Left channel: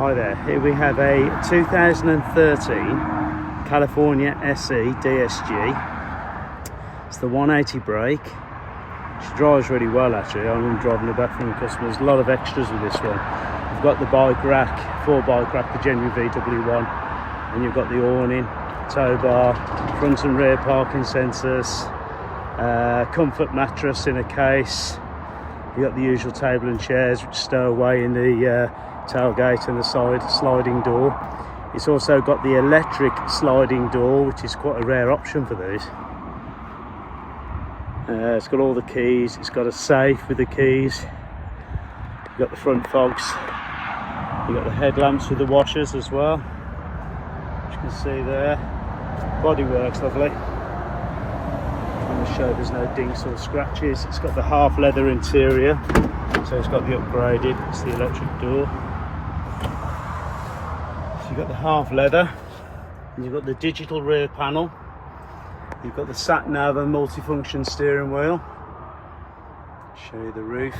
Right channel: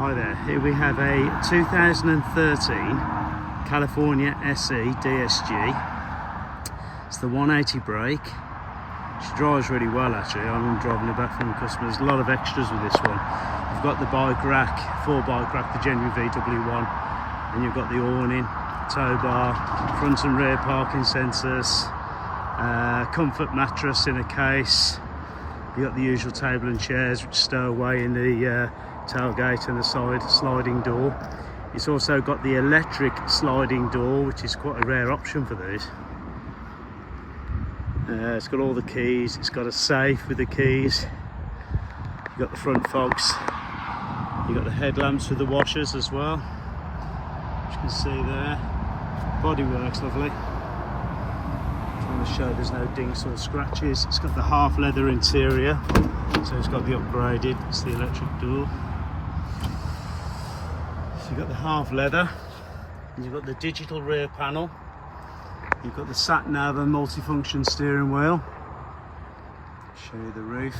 Hi there, here we have a 2013 California SE DSG. It's the 180 brake. She drives really well actually. I'm driving it back from the customers. A lot of extras with this one. You've got the bike rack, 4 bike rack, the genuine VW1, and you've got the awning, tow bar, front and rear parking sensors, comfort mattress in a case. You've got the usual table and chairs which stow away in the tailgate and the side sliding door. It's also got the electric sliding door, which is quite a rare option for these. It's got all the keys, it's got a safe with the keys. You've got the front fogs, you've got the headlamps with the washers as well, as you can see there. Body works lovely. I'm going to show there's no dinks or scratches. It's got the half leather interior, so it's got the upgraded, it's the electric door. So you've got the half leather, and you've got the digital rear panel. You've got the sat nav and multifunction steering wheel. Show you the roof.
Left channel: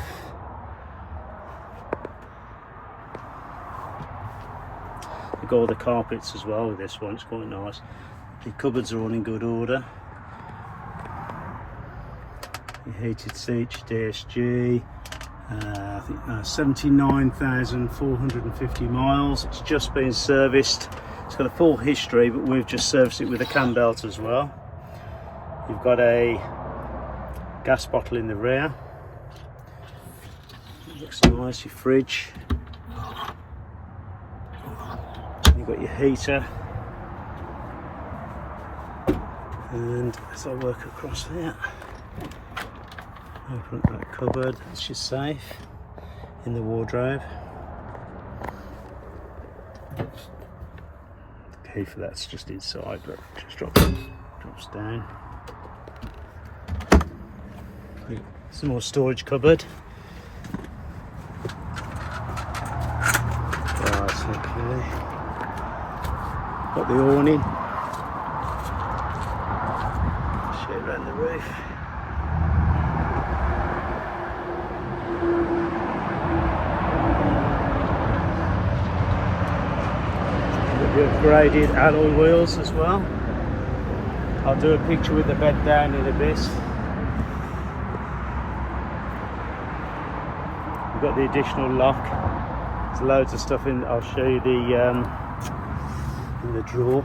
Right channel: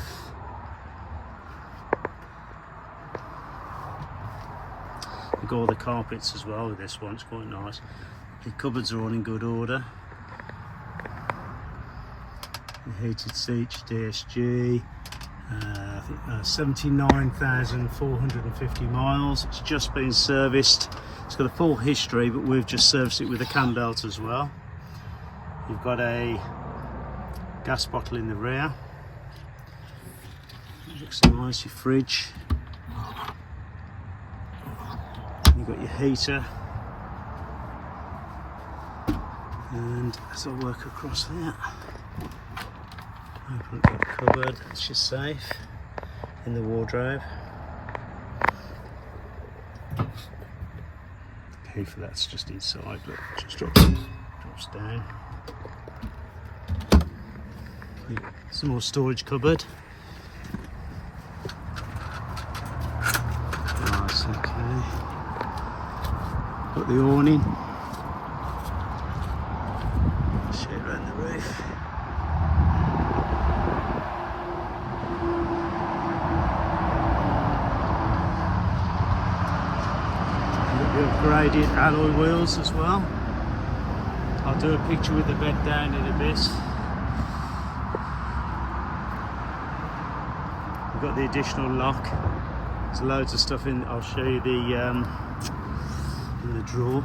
You've got all the carpets as well with this one, it's quite nice. The cupboards are all in good order. Your heated seats, DSG. I think 79,450 miles. It's just been serviced. It's got a full history, but we've just serviced it with a Cambelt as well. You've got a gas bottle in the rear. It looks nice. Your fridge. You've got your heater. And as I work across here, open up that cupboard. It's just safe in the wardrobe. The key for that's just inside, but just drops down. Some more storage cupboard. Right, okay. Got the awning. Show it around the roof. Got the upgraded alloy wheels as well. I'll do a picture with the bed down in a bit. We've got the additional lock. There's loads of stuff in. I'll show you the in the drawer.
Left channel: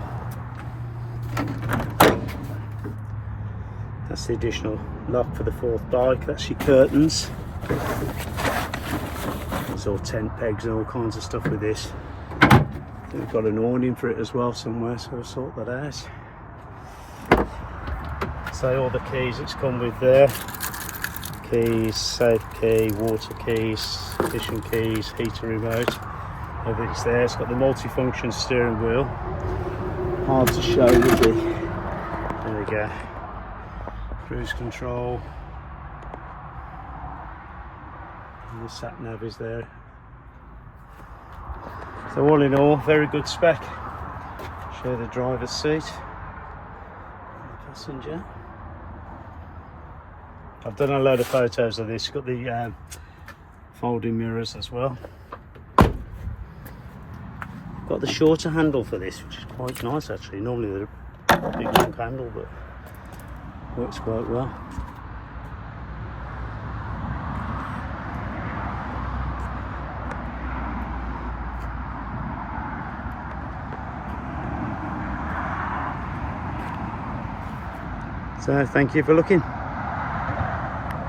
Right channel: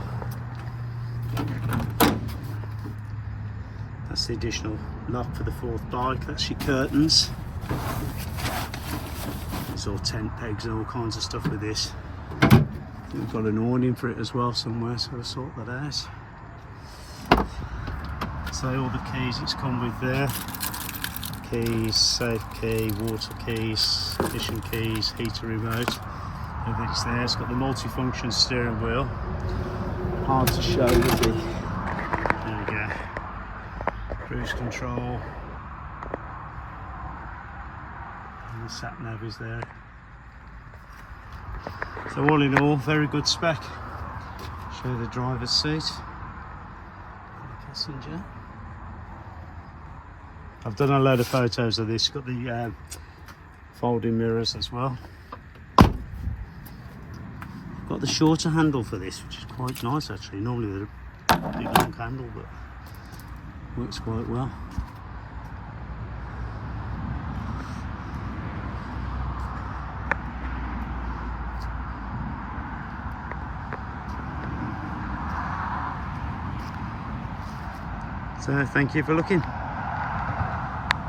That's the additional lock for the 4th bike. That's your curtains. There's all tent pegs and all kinds of stuff with this. We've got an awning for it as well somewhere, so we'll sort that out. So all the keys it's come with there. Keys, safe key, water keys, ignition keys, heater remote, everything's there. It's got the multifunction steering wheel. Hard to show with the, there we go, cruise control. And the sat nav is there. So all in all, very good spec. Show the driver's seat and the passenger. I've done a load of photos of this. Got the folding mirrors as well. Got the shorter handle for this, which is quite nice actually. Normally they're a big long handle, but works quite well. So thank you for looking.